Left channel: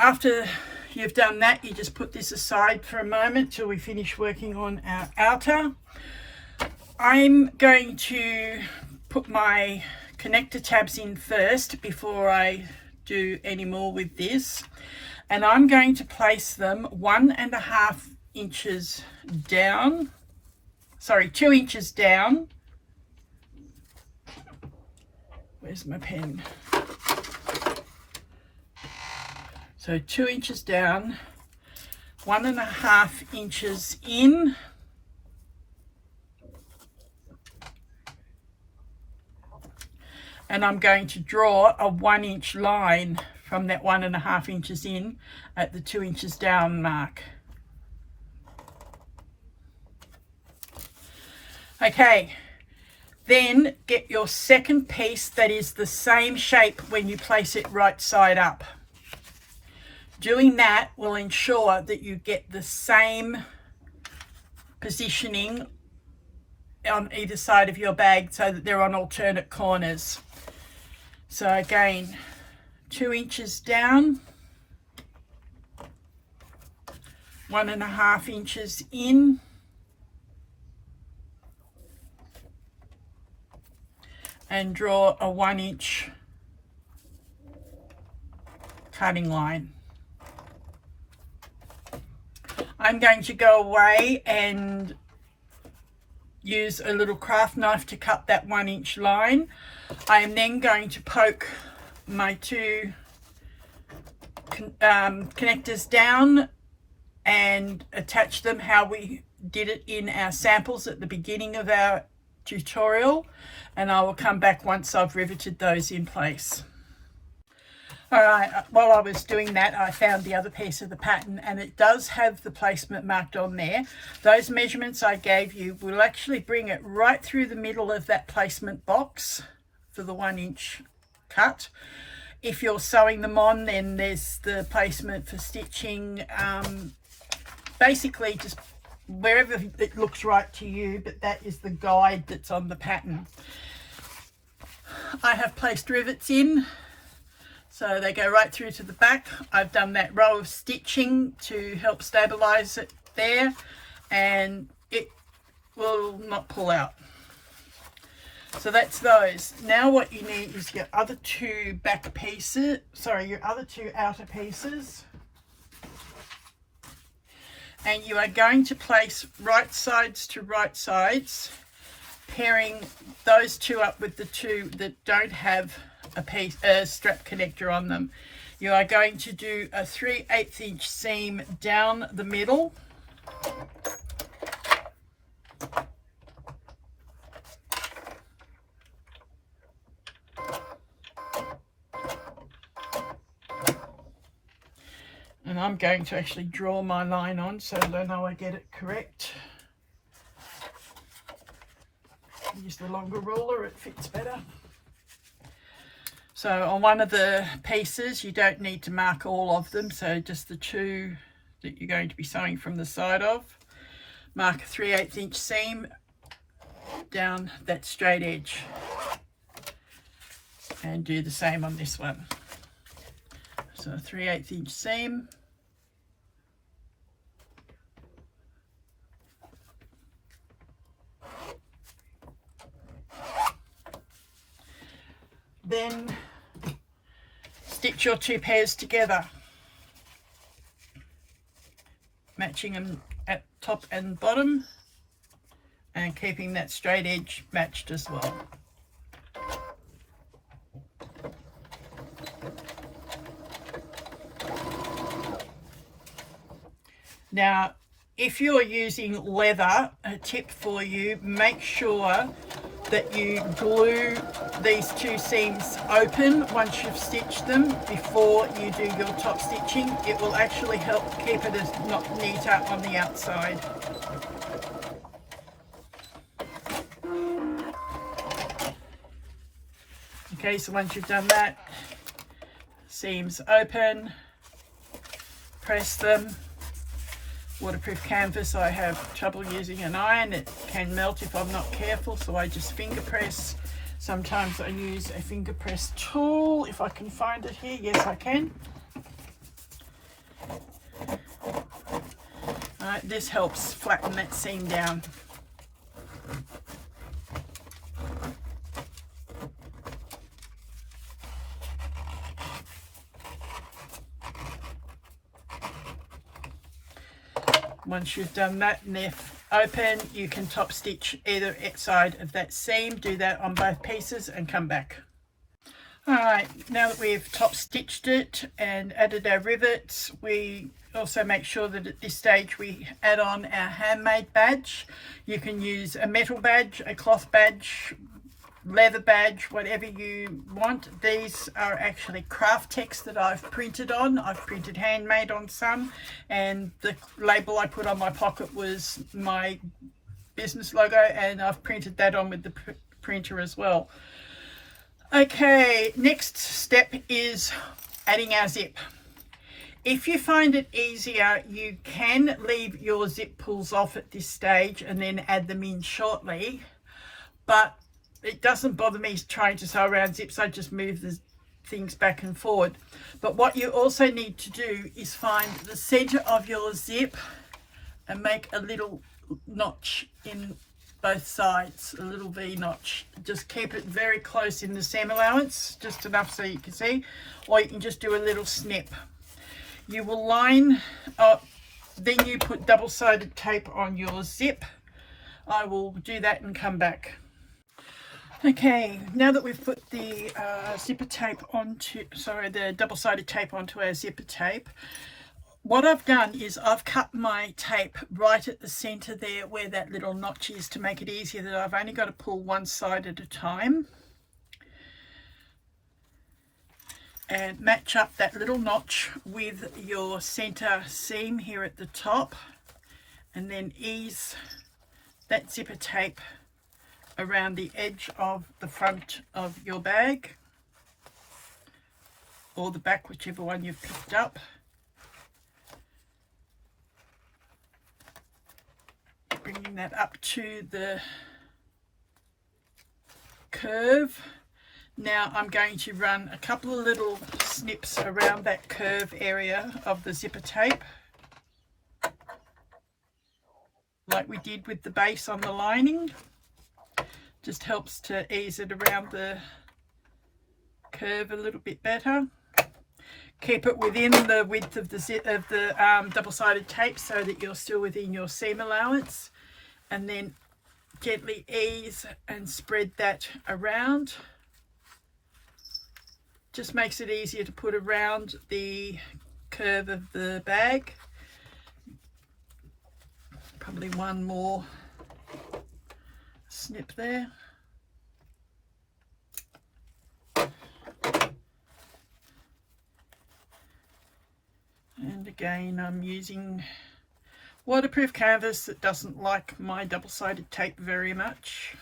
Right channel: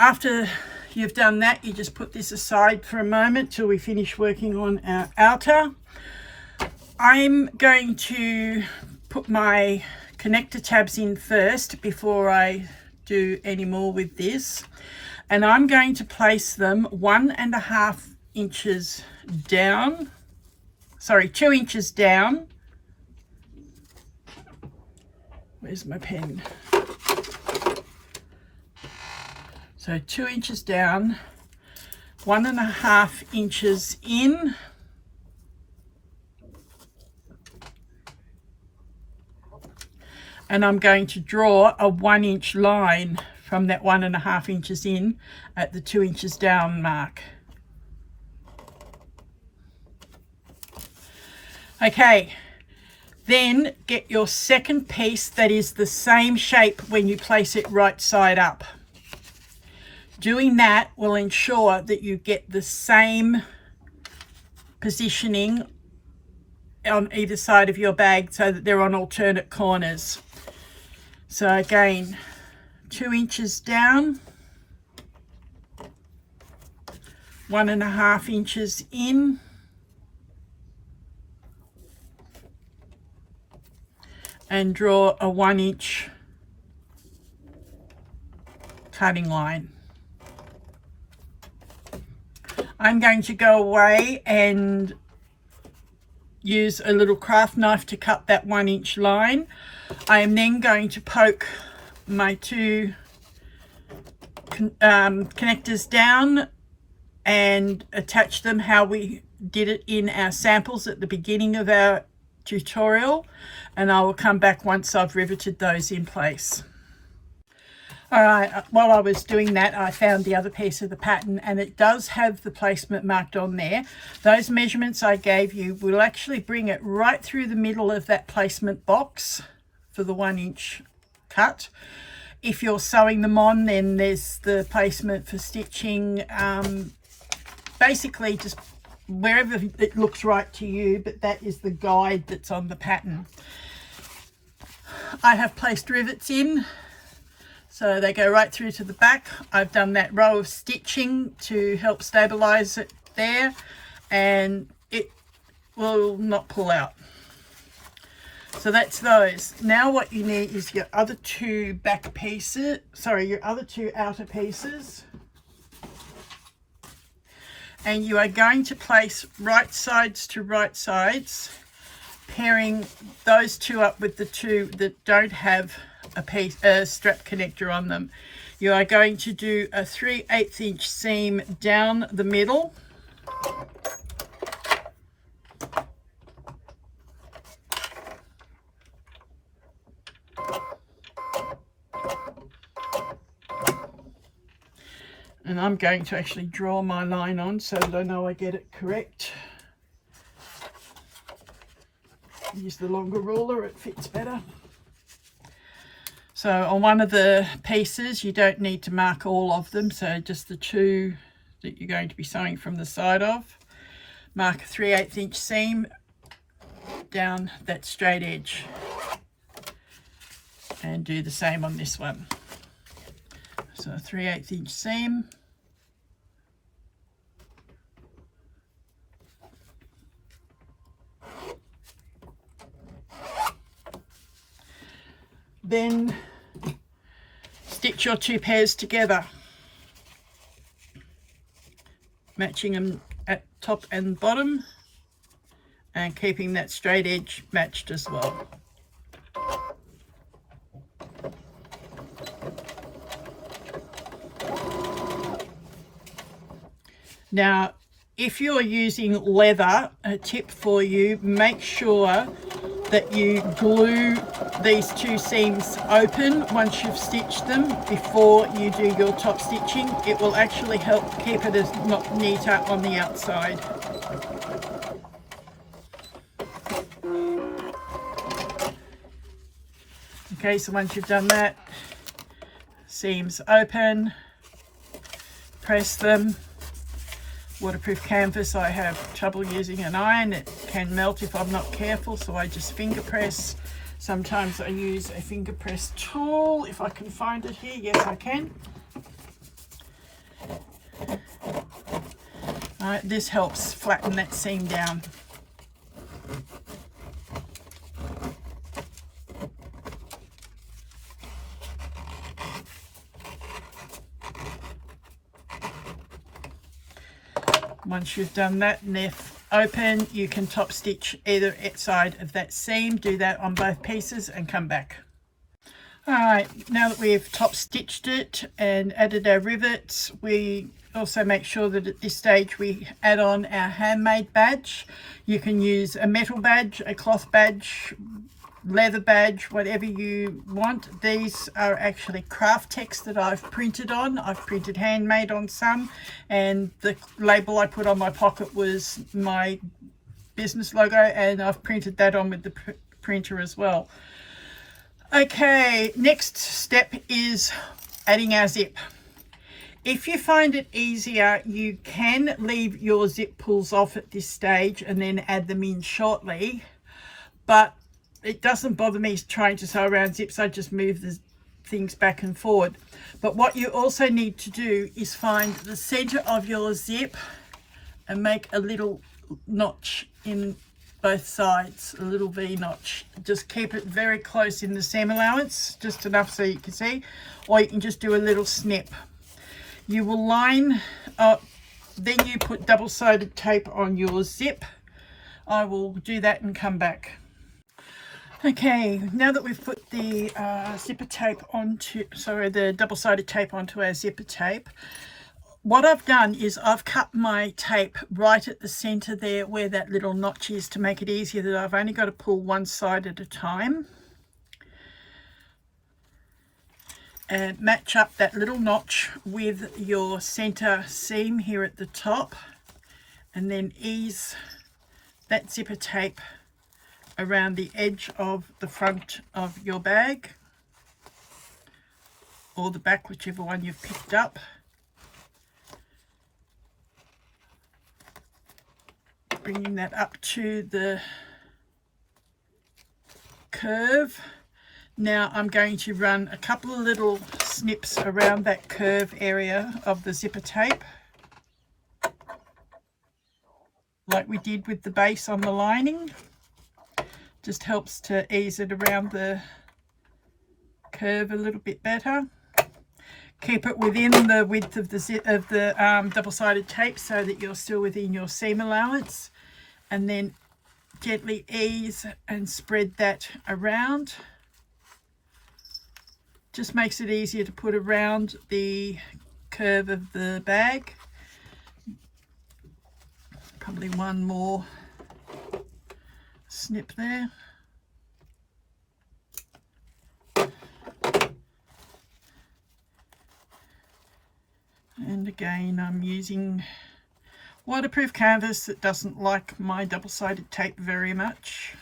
after you've done that, you just put this aside for a moment till we finish working on our outer. I'm going to put my connector tabs in first before I do any more with this, and I'm going to place them 1.5 inches down, sorry, 2 inches down. Where's my pen? So 2 inches down, 1.5 inches in, and I'm going to draw a 1 inch line from that 1.5 inches in at the 2 inches down mark. Okay, then get your second piece that is the same shape when you place it right side up. Doing that will ensure that you get the same positioning on either side of your bag so that they're on alternate corners. So again, 2 inches down, 1.5 inches in, and draw a 1 inch cutting line. I'm going to go away and use a little craft knife to cut that 1 inch line. I am then going to poke my two connectors down and attach them how we did it in our samples at the beginning of our tutorial, and I will come back once I've riveted those in place. All right, while I was doing that, I found the other piece of the pattern, and it does have the placement marked on there. Those measurements I gave you will actually bring it right through the middle of that placement box for the 1 inch cut. If you're sewing them on, then there's the placement for stitching. Basically just wherever it looks right to you, but that is the guide that's on the pattern. I have placed rivets in, so they go right through to the back. I've done that row of stitching to help stabilize it there, and it will not pull out. So that's those. Now what you need is your other two back pieces, sorry, your other two outer pieces. And you are going to place right sides to right sides, pairing those two up with the two that don't have a strap connector on them. You are going to do a 3/8 inch seam down the middle. And I'm going to actually draw my line on so that I know I get it correct. Use the longer ruler, it fits better. So on one of the pieces, you don't need to mark all of them, so just the two that you're going to be sewing from the side of. Mark a 3/8 inch seam down that straight edge. And do the same on this one. So a 3/8 inch seam. Then stitch your two pairs together, matching them at top and bottom and keeping that straight edge matched as well. Now, if you are using leather, a tip for you, make sure that you glue these two seams open once you've stitched them before you do your top stitching. It will actually help keep it as not neater on the outside. Okay, so once you've done that, seams open, press them. Waterproof canvas, I have trouble using an iron. It can melt if I'm not careful, so I just finger press. Sometimes I use a finger press tool if I can find it here. Yes, I can. This helps flatten that seam down. Once you've done that and they're open, you can top stitch either side of that seam. Do that on both pieces and come back. Alright, now that we've top stitched it and added our rivets, we also make sure that at this stage we add on our handmade badge. You can use a metal badge, a cloth badge, leather badge, whatever you want. These are actually craft text that I've printed on. I've printed handmade on some, and the label I put on my pocket was my business logo, and I've printed that on with the printer as well. Okay, next step is adding our zip. If you find it easier, you can leave your zip pulls off at this stage and then add them in shortly, but it doesn't bother me trying to sew around zips. I just move the things back and forward. But what you also need to do is find the center of your zip and make a little notch in both sides, a little V notch. Just keep it very close in the seam allowance, just enough so you can see, or you can just do a little snip. You will line up, then you put double-sided tape on your zip. I will do that and come back. Okay, now that we've put the zipper tape onto, the double-sided tape onto our zipper tape, what I've done is I've cut my tape right at the center there where that little notch is, to make it easier that I've only got to pull one side at a time. And match up that little notch with your center seam here at the top, and then ease that zipper tape around the edge of the front of your bag, or the back, whichever one you've picked up. Bringing that up to the curve. Now I'm going to run a couple of little snips around that curve area of the zipper tape, like we did with the base on the lining. Just helps to ease it around the curve a little bit better. Keep it within the width of the double-sided tape so that you're still within your seam allowance, and then gently ease and spread that around. Just makes it easier to put around the curve of the bag. Probably one more snip there. And again, I'm using waterproof canvas that doesn't like my double-sided tape very much.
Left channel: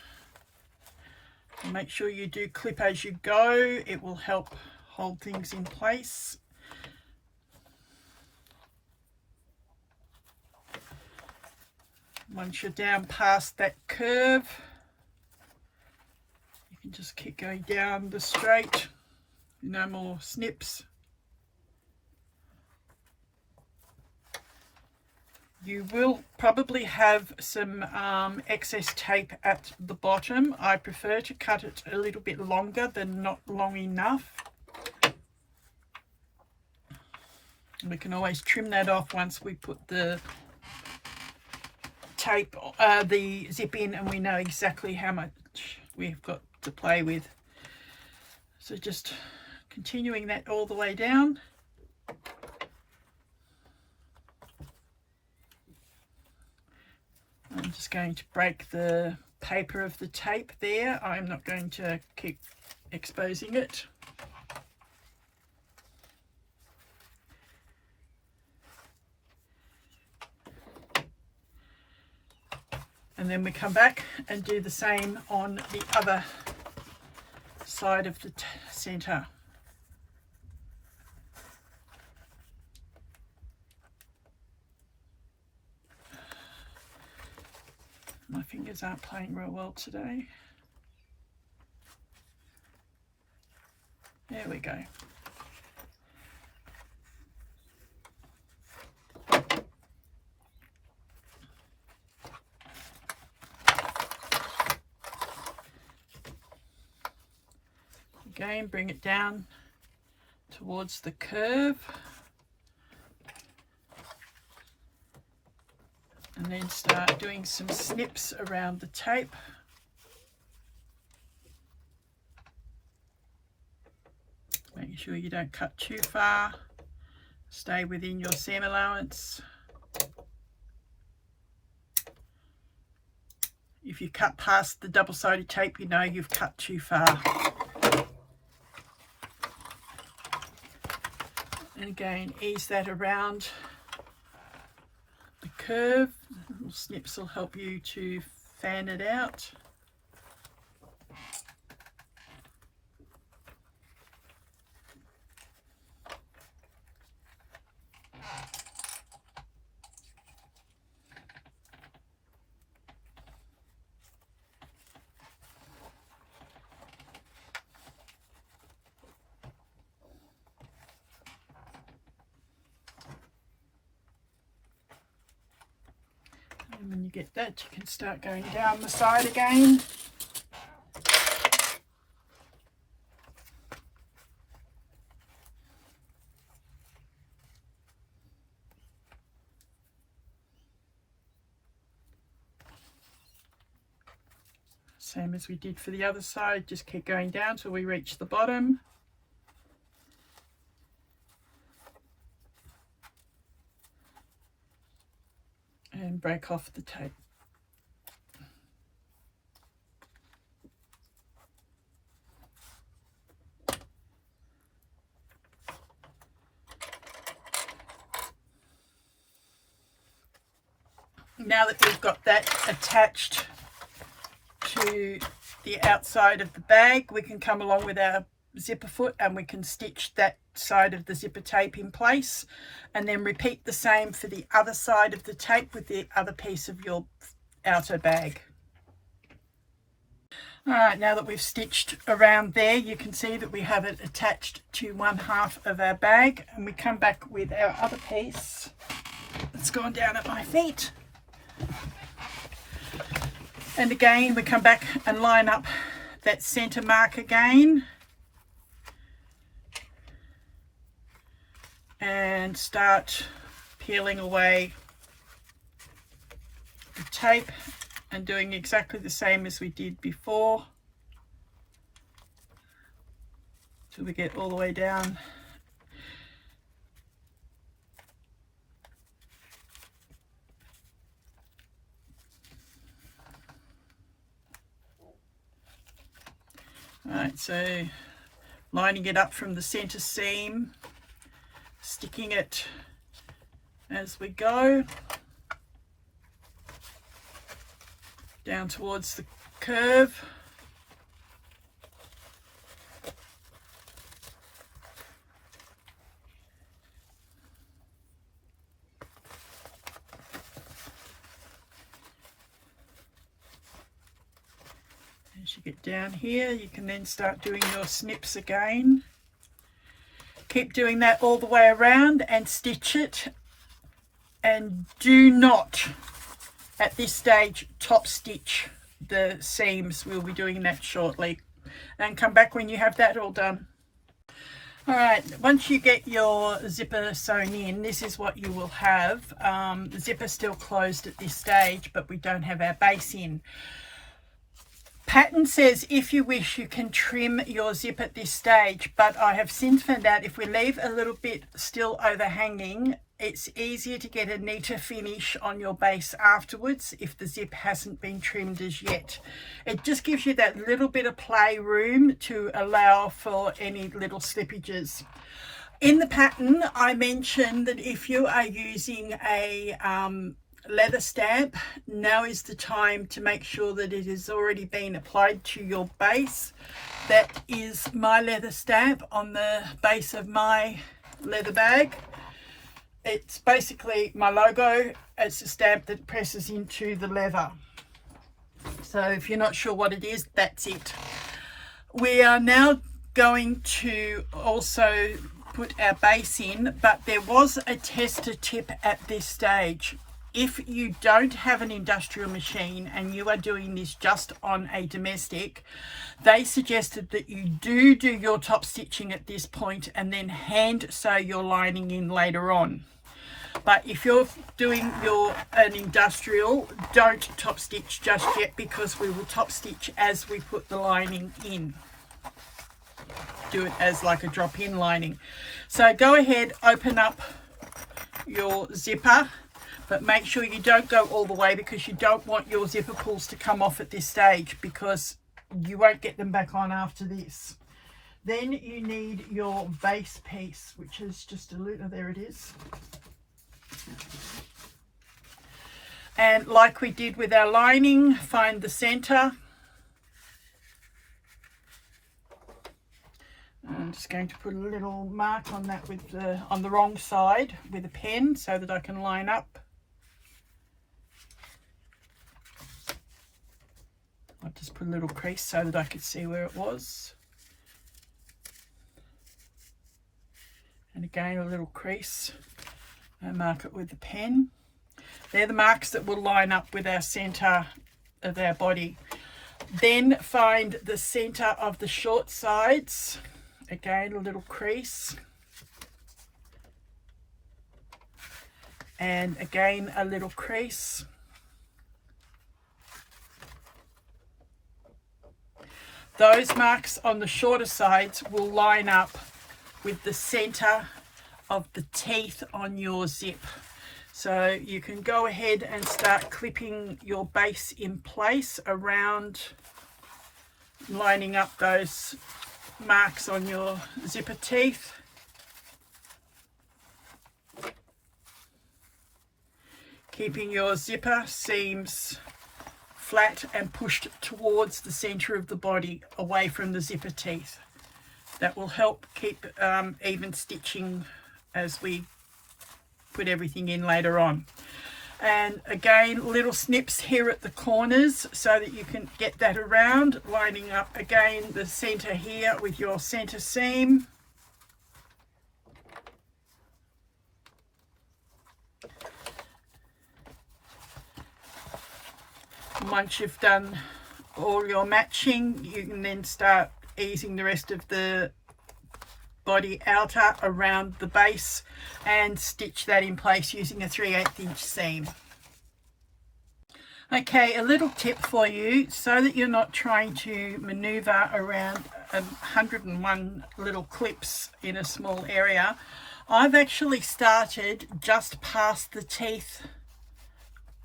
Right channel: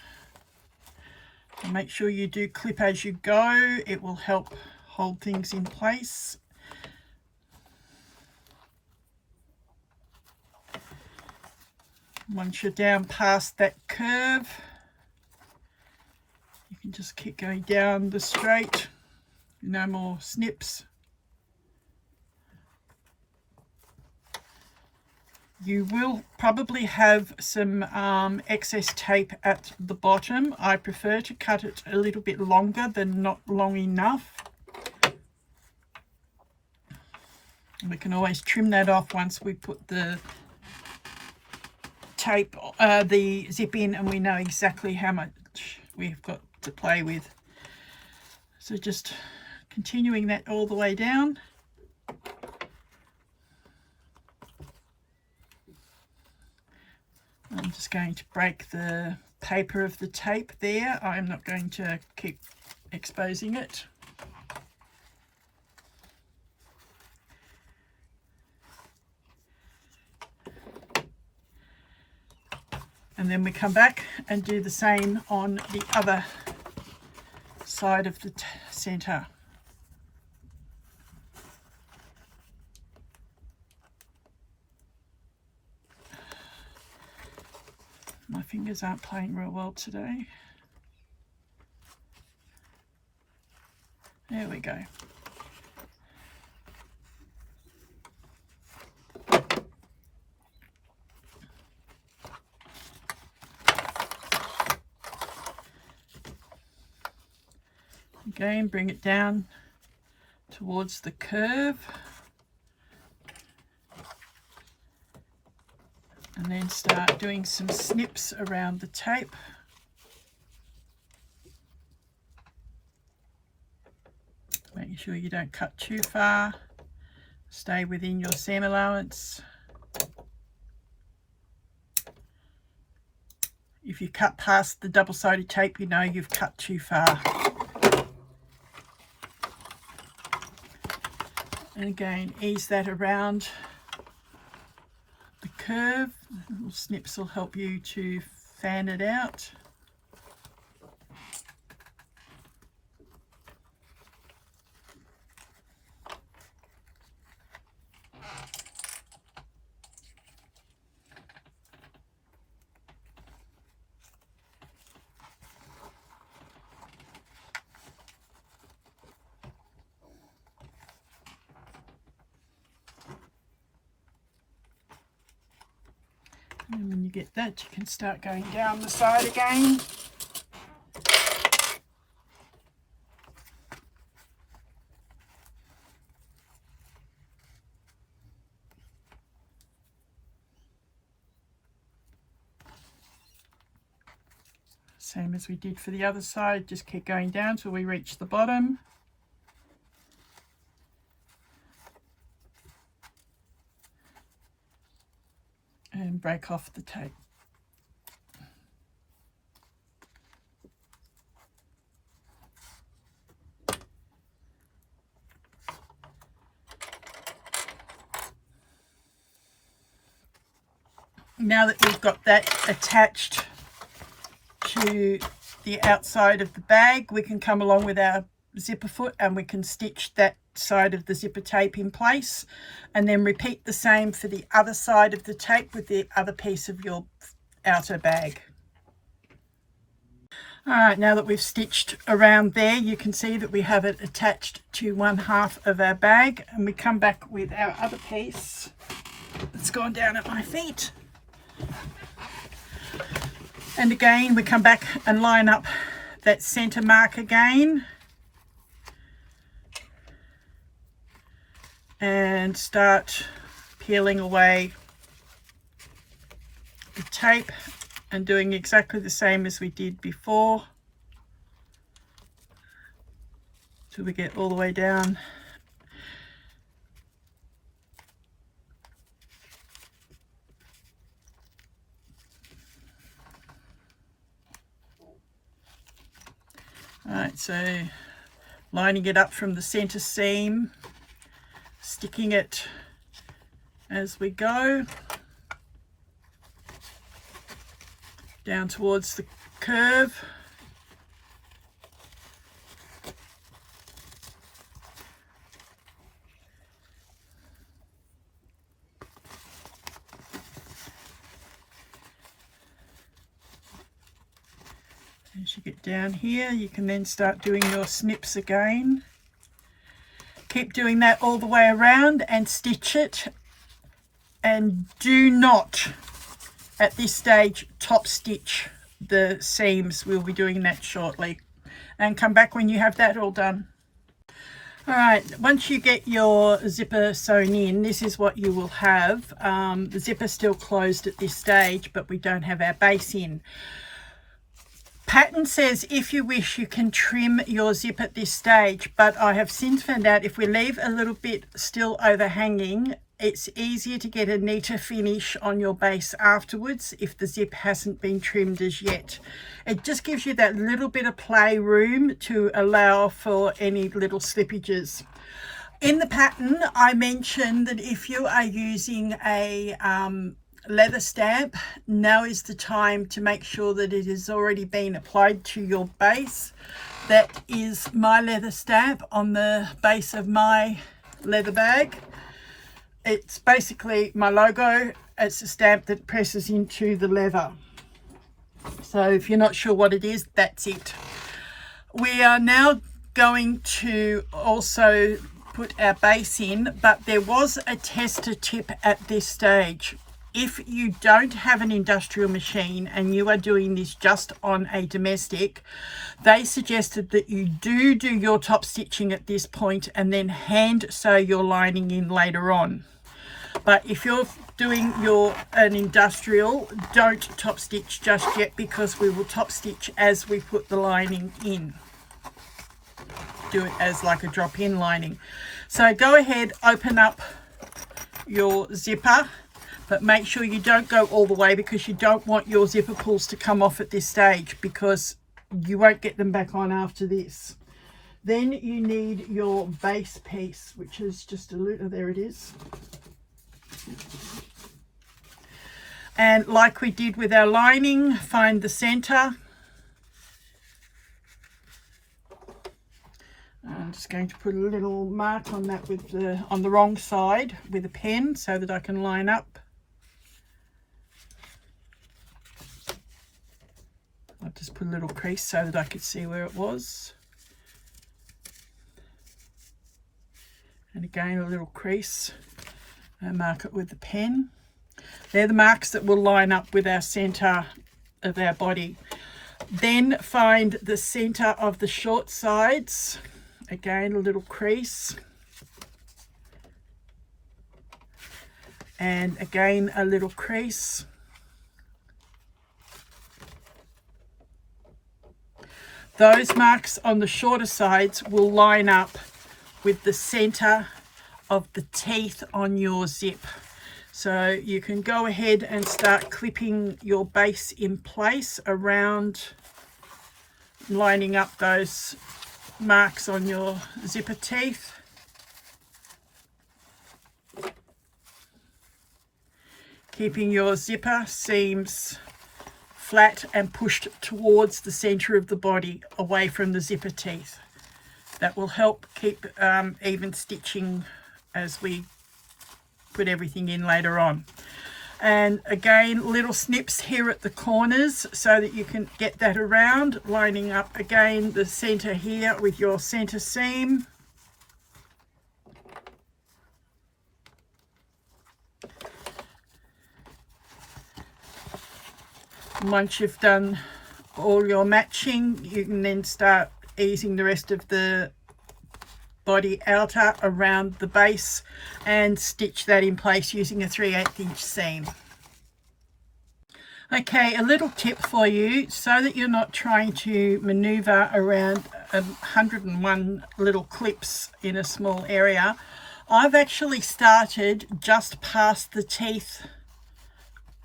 So make sure you do clip as you go. It will help hold things in place. Once you're down past that curve, you can just keep going down the straight. No more snips. You will probably have some excess tape at the bottom. I prefer to cut it a little bit longer than not long enough. We can always trim that off once we put the tape, the zip in, and we know exactly how much we've got to play with. So just continuing that all the way down. I'm just going to break the paper of the tape there. I'm not going to keep exposing it. And then we come back and do the same on the other side of the center. My fingers aren't playing real well today. There we go. Again, bring it down towards the curve. And then start doing some snips around the tape. Making sure you don't cut too far. Stay within your seam allowance. If you cut past the double-sided tape, you know you've cut too far. And again, ease that around the curve. Little snips will help you to fan it out. And when you get that, you can start going down the side again. Same as we did for the other side, just keep going down till we reach the bottom. And break off the tape. Now that we've got that attached to the outside of the bag, we can come along with our zipper foot and we can stitch that side of the zipper tape in place, and then repeat the same for the other side of the tape with the other piece of your outer bag. All right, now that we've stitched around there, you can see that we have it attached to one half of our bag, and we come back with our other piece that's gone down at my feet. And again, we come back and line up that center mark again. And start peeling away the tape and doing exactly the same as we did before till we get all the way down. All right, so lining it up from the center seam, sticking it as we go down towards the curve. As you get down here, you can then start doing your snips again. Keep doing that all the way around and stitch it, and do not at this stage top stitch the seams. We'll be doing that shortly, and come back when you have that all done. All right, once you get your zipper sewn in, this is what you will have. The zipper's still closed at this stage, but we don't have our base in. Pattern says if you wish you can trim your zip at this stage, but I have since found out if we leave a little bit still overhanging, it's easier to get a neater finish on your base afterwards if the zip hasn't been trimmed as yet. It just gives you that little bit of play room to allow for any little slippages. In the pattern, I mentioned that if you are using a leather stamp, now is the time to make sure that it has already been applied to your base. That is my leather stamp on the base of my leather bag. It's basically my logo. It's a stamp that presses into the leather. So if you're not sure what it is, that's it. We are now going to also put our base in, but there was a tester tip at this stage. if you don't have an industrial machine and you are doing this just on a domestic, they suggested that you do your top stitching at this point and then hand sew your lining in later on. But if you're doing an industrial, don't top stitch just yet, because we will top stitch as we put the lining in. Do it as like a drop-in lining. So go ahead, open up your zipper, but make sure you don't go all the way, because you don't want your zipper pulls to come off at this stage, because you won't get them back on after this. Then you need your base piece, which is just a little, there it is. And like we did with our lining, find the center. I'm just going to put a little mark on that with on the wrong side with a pen, so that I can line up. I'll just put a little crease so that I could see where it was. And again, a little crease, and mark it with the pen. They're the marks that will line up with our center of our body. Then find the center of the short sides. Again, a little crease. And again, a little crease. Those marks on the shorter sides will line up with the center of the teeth on your zip. So you can go ahead and start clipping your base in place around, lining up those marks on your zipper teeth. Keeping your zipper seams flat and pushed towards the center of the body, away from the zipper teeth. That will help keep even stitching as we put everything in later on. And again, little snips here at the corners so that you can get that around, lining up again the center here with your center seam. Once you've done all your matching, you can then start easing the rest of the body outer around the base and stitch that in place using a 3/8 inch seam. Okay, a little tip for you, so that you're not trying to maneuver around 101 little clips in a small area. I've actually started just past the teeth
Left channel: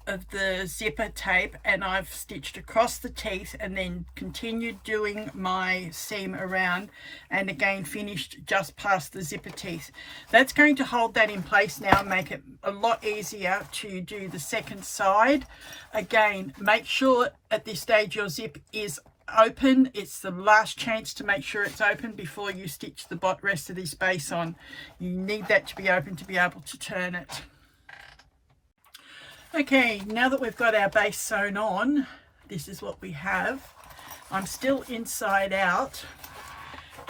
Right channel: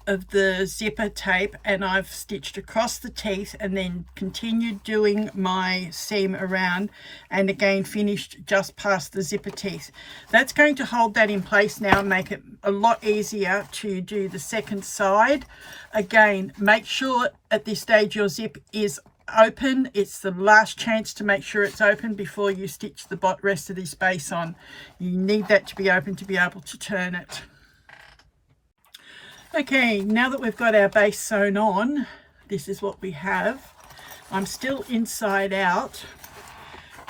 of the zipper tape, and I've stitched across the teeth and then continued doing my seam around, and again finished just past the zipper teeth. That's going to hold that in place now and make it a lot easier to do the second side. Again, make sure at this stage your zip is open. It's the last chance to make sure it's open before you stitch the rest of this base on. You need that to be open to be able to turn it. Okay, now that we've got our base sewn on, this is what we have. I'm still inside out.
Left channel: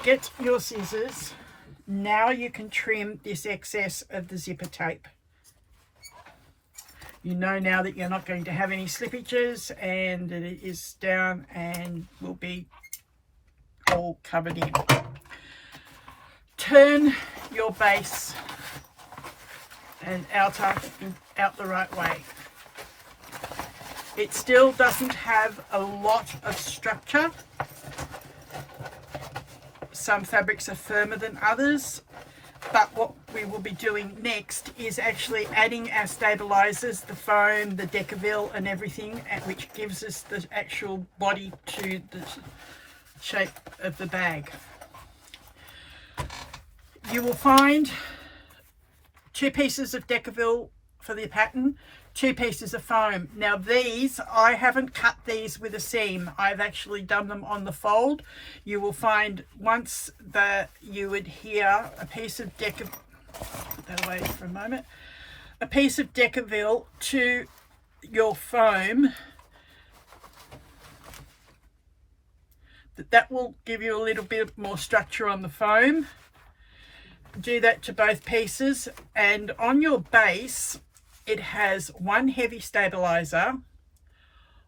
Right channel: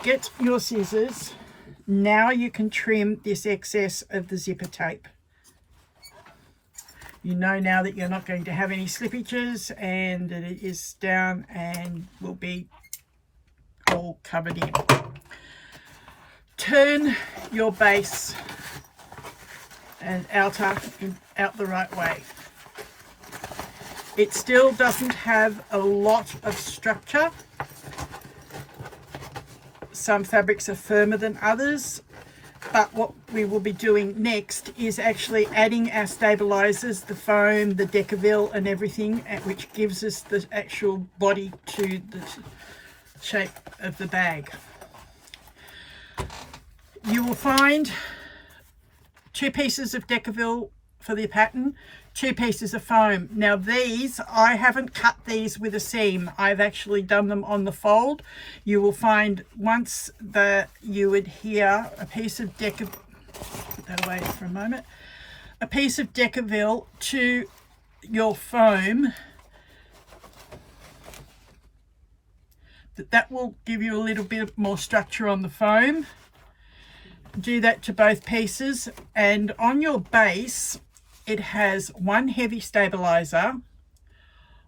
Get your scissors. Now you can trim this excess of the zipper tape. You know now that you're not going to have any slippages, and that it is down and will be all covered in. Turn your base and outer out the right way. It still doesn't have a lot of structure. Some fabrics are firmer than others, but what we will be doing next is actually adding our stabilizers, the foam, the Decaville and everything, which gives us the actual body to the shape of the bag. You will find 2 pieces of Decaville for the pattern, 2 pieces of foam. Now these, I haven't cut these with a seam. I've actually done them on the fold. You will find once that you adhere a piece of Decaville, put that away for a moment, a piece of Decaville to your foam, that will give you a little bit more structure on the foam. Do that to both pieces, and on your base it has one heavy stabilizer,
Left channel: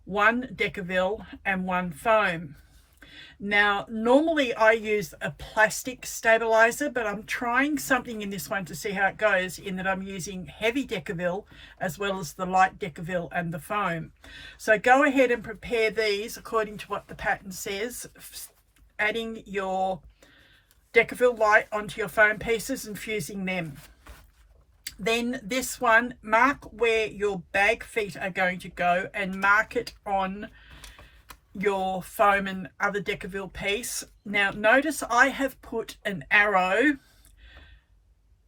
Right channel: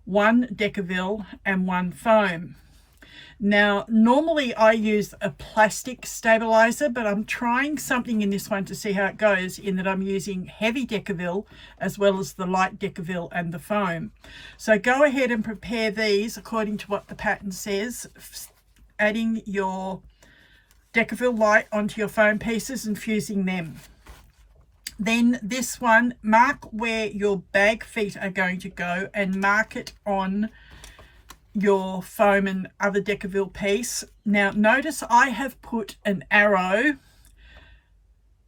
one Decaville, and one foam. Now, normally I use a plastic stabilizer, but I'm trying something in this one to see how it goes, in that I'm using heavy Decaville as well as the light Decaville and the foam. So go ahead and prepare these according to what the pattern says, adding your Decaville light onto your foam pieces and fusing them. Then this one, mark where your bag feet are going to go and mark it on your foam and other Decaville piece. Now notice I have put an arrow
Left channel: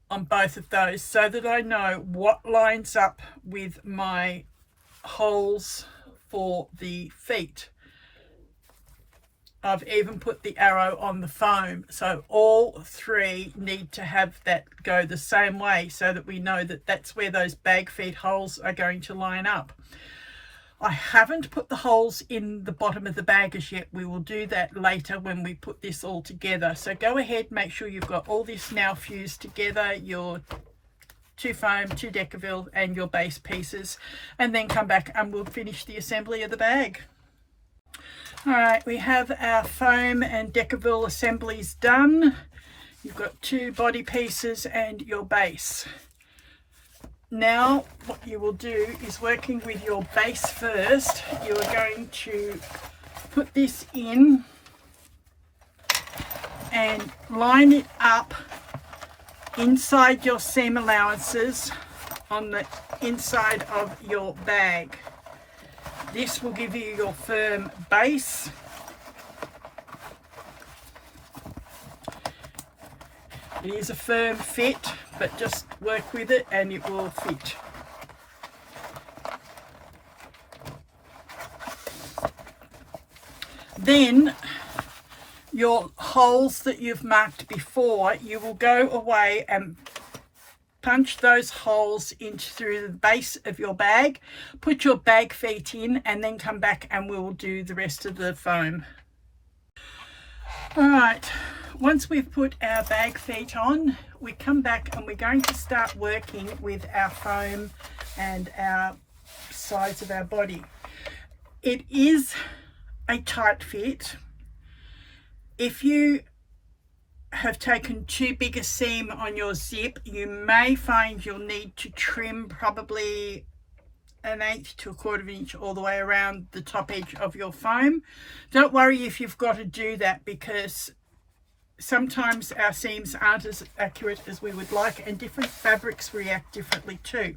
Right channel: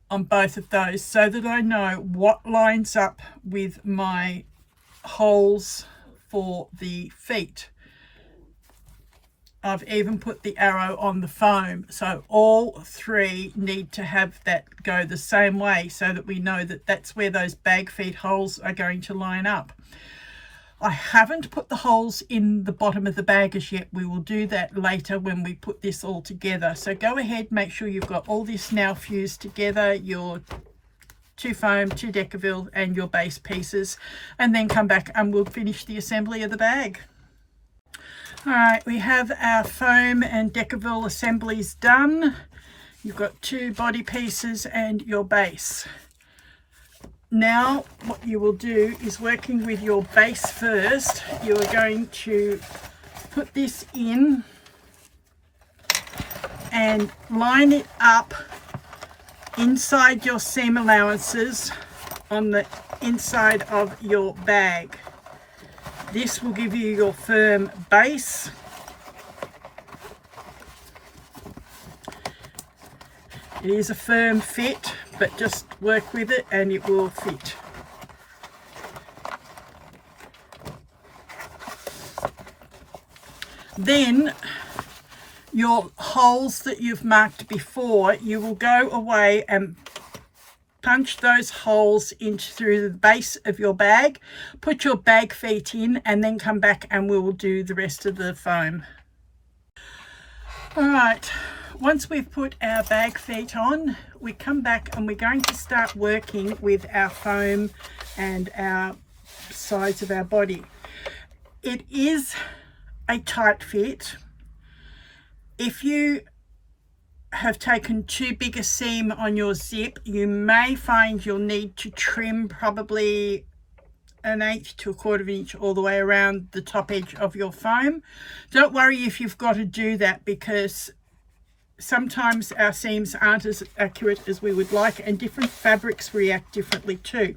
on both of those so that I know what lines up with my holes for the feet. I've even put the arrow on the foam, so all three need to have that go the same way so that we know that that's where those bag feet holes are going to line up. I haven't put the holes in the bottom of the bag as yet. We will do that later when we put this all together. So go ahead, make sure you've got all this now fused together, your 2 foam, 2 Decaville and your base pieces, and then come back and we'll finish the assembly of the bag. All right, we have our foam and Decaville assemblies done. You've got 2 body pieces and your base. Now what you will do is, working with your base first, you are going to put this in and line it up inside your seam allowances on the inside of your bag. This will give you your firm base. It is a firm fit, but just work with it and it will fit. Then your holes that you've marked before, you will go away and punch those holes into through the base of your bag, put your bag feet in, and then come back and we will do the rest of the foam. All right, once we've put our bag feet on, we come back and we're going to start working with our foam and our sides of our body. It is a tight fit. If you have taken too big a seam on your zip, you may find you'll need to trim probably 1/8 to 1/4 inch all the way around the top edge of your foam. Don't worry if you've got to do that, because sometimes our seams aren't as accurate as we would like, and different fabrics react differently too.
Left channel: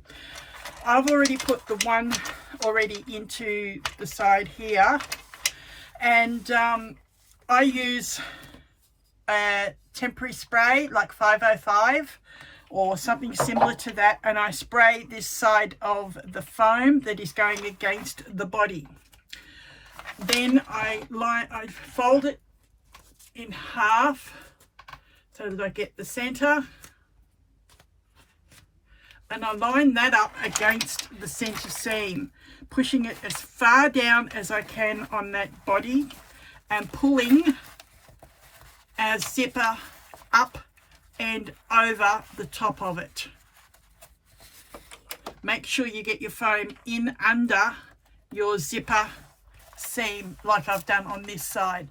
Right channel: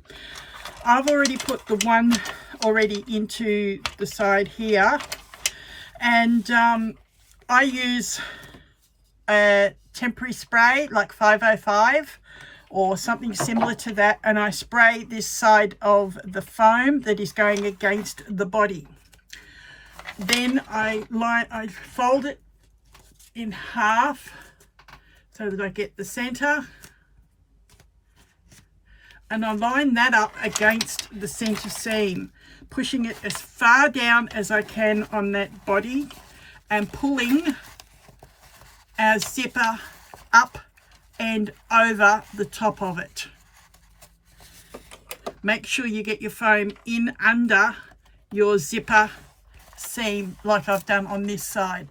I've already put the one already into the side here, and I use a temporary spray like 505 or something similar to that, and I spray this side of the foam that is going against the body. Then I fold it in half so that I get the center, and I line that up against the center seam, pushing it as far down as I can on that body and pulling our zipper up and over the top of it. Make sure you get your foam in under your zipper seam like I've done on this side.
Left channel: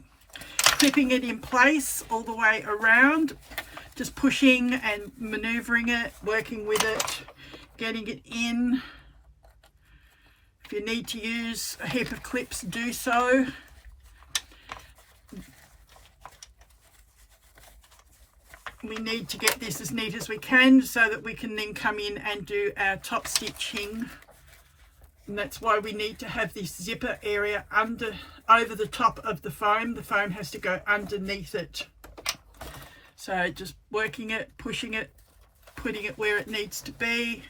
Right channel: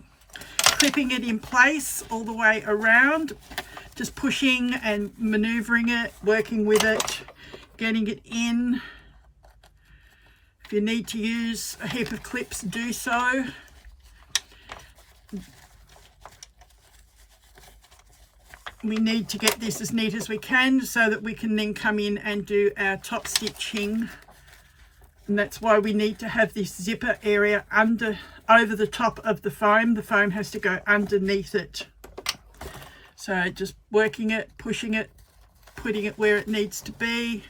Clipping it in place all the way around, just pushing and maneuvering it, working with it, getting it in. If you need to use a heap of clips, do so. We need to get this as neat as we can so that we can then come in and do our top stitching, and that's why we need to have this zipper area over the top of the foam. The foam has to go underneath it. So just working it, pushing it, putting it where it needs to be.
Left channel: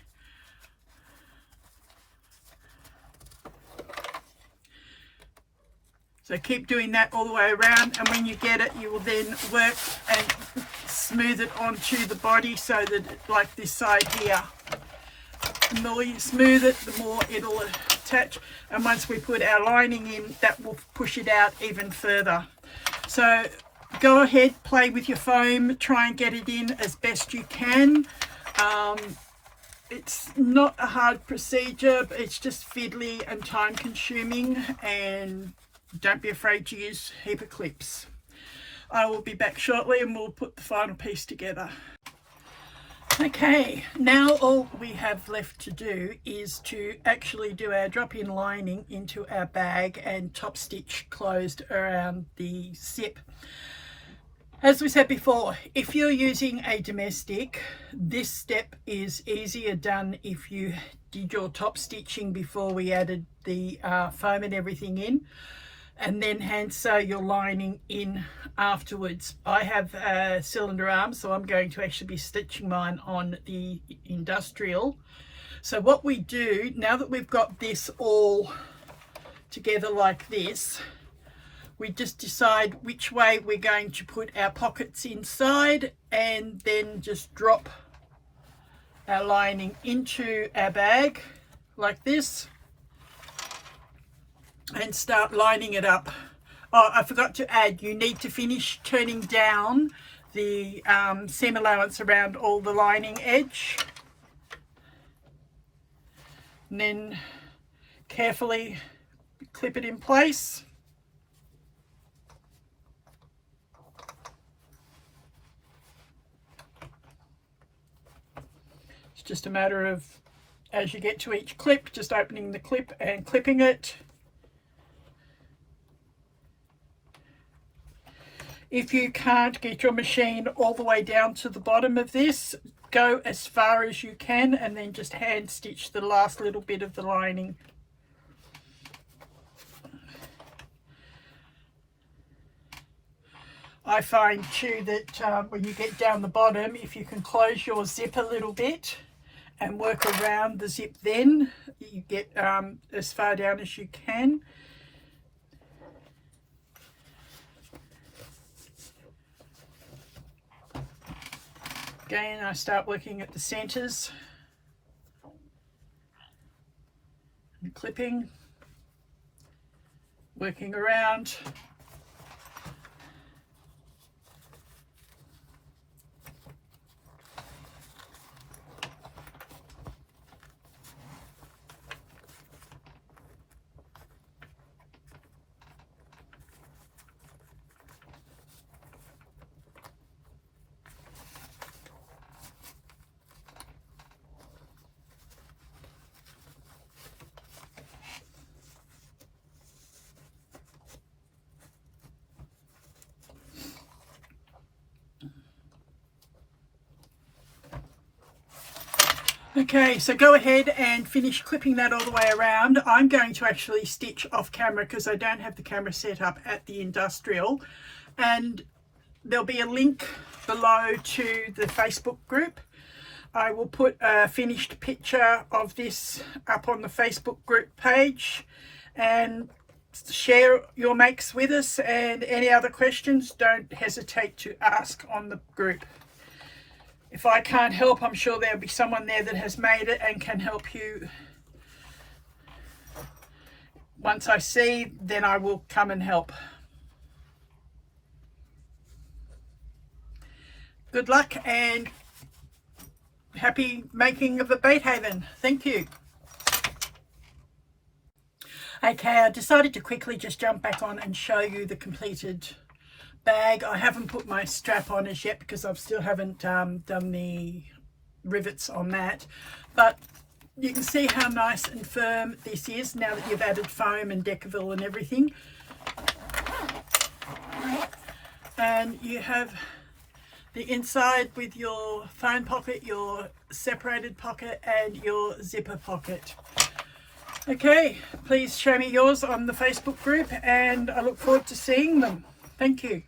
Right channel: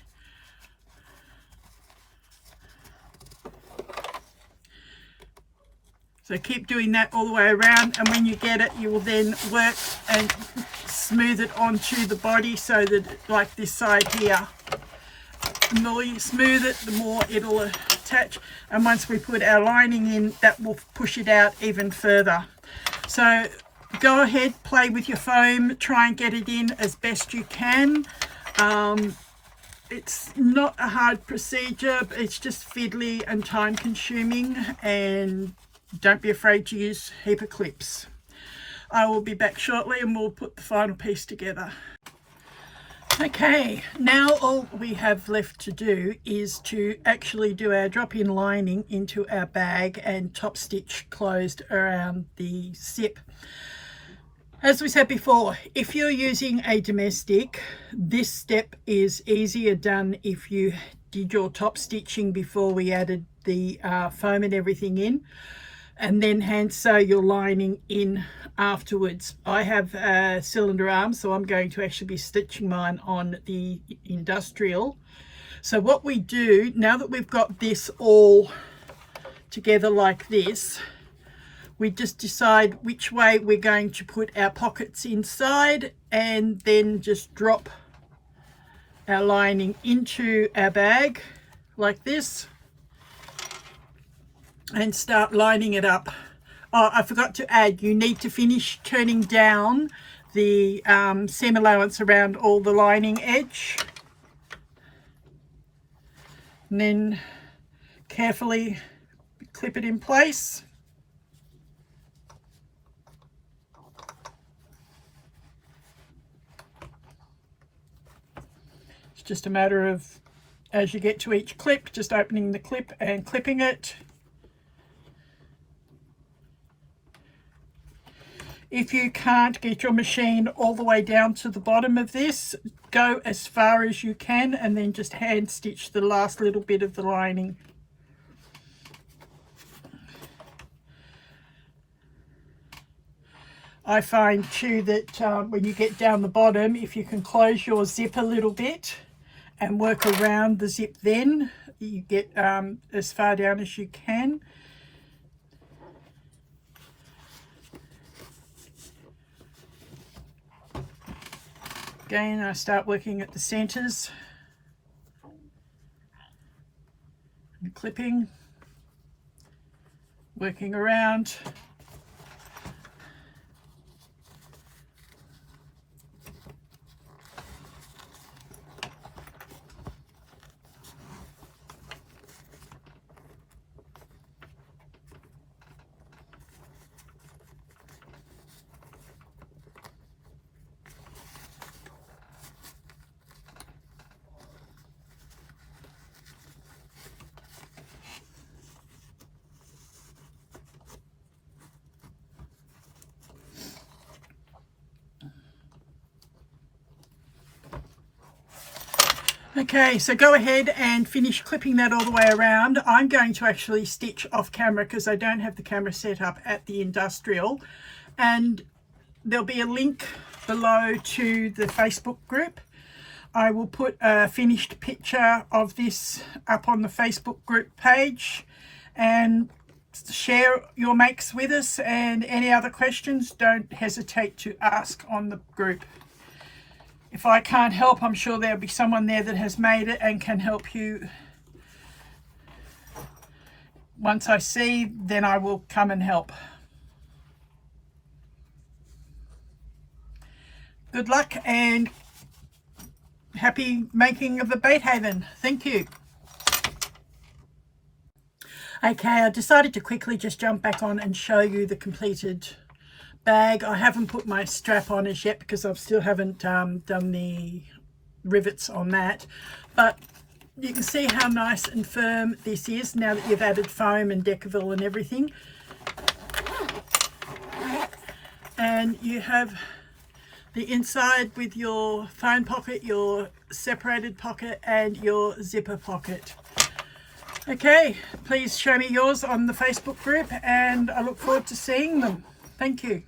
So keep doing that all the way around, and when you get it, you will then work and smooth it onto the body so that, like this side here, the more you smooth it, the more it'll attach, and once we put our lining in, that will push it out even further. So go ahead, play with your foam, try and get it in as best you can. It's not a hard procedure, but it's just fiddly and time consuming, and don't be afraid to use a heap of clips. I will be back shortly and we'll put the final piece together. Okay, now all we have left to do is to actually do our drop-in lining into our bag and top stitch closed around the zip. As we said before, if you're using a domestic, this step is easier done if you did your top stitching before we added the foam and everything in, and then hand sew your lining in afterwards. I have a cylinder arm, so I'm going to actually be stitching mine on the industrial. So what we do, now that we've got this all together like this, we just decide which way we're going to put our pockets inside, and then just drop our lining into our bag like this and start lining it up. Oh, I forgot to add, you need to finish turning down the seam allowance around all the lining edge, and then carefully clip it in place. It's just a matter of, as you get to each clip, just opening the clip and clipping it. If you can't get your machine all the way down to the bottom of this, go as far as you can and then just hand stitch the last little bit of the lining. I find too that when you get down the bottom, if you can close your zip a little bit and work around the zip, then you get as far down as you can. Again, I start working at the centers and clipping, working around. Okay, so go ahead and finish clipping that all the way around. I'm going to actually stitch off camera because I don't have the camera set up at the industrial, and there'll be a link below to the Facebook group. I will put a finished picture of this up on the Facebook group page, and share your makes with us, and any other questions, don't hesitate to ask on the group. If I can't help, I'm sure there'll be someone there that has made it and can help you. Once I see, then I will come and help. Good luck and happy making of the Batehaven. Thank you. Okay, I decided to quickly just jump back on and show you the completed bag. I haven't put my strap on as yet because I still haven't done the rivets on that, but you can see how nice and firm this is now that you've added foam and Decaville and everything. And you have the inside with your phone pocket, your separated pocket and your zipper pocket. Okay, please show me yours on the Facebook group and I look forward to seeing them. Thank you.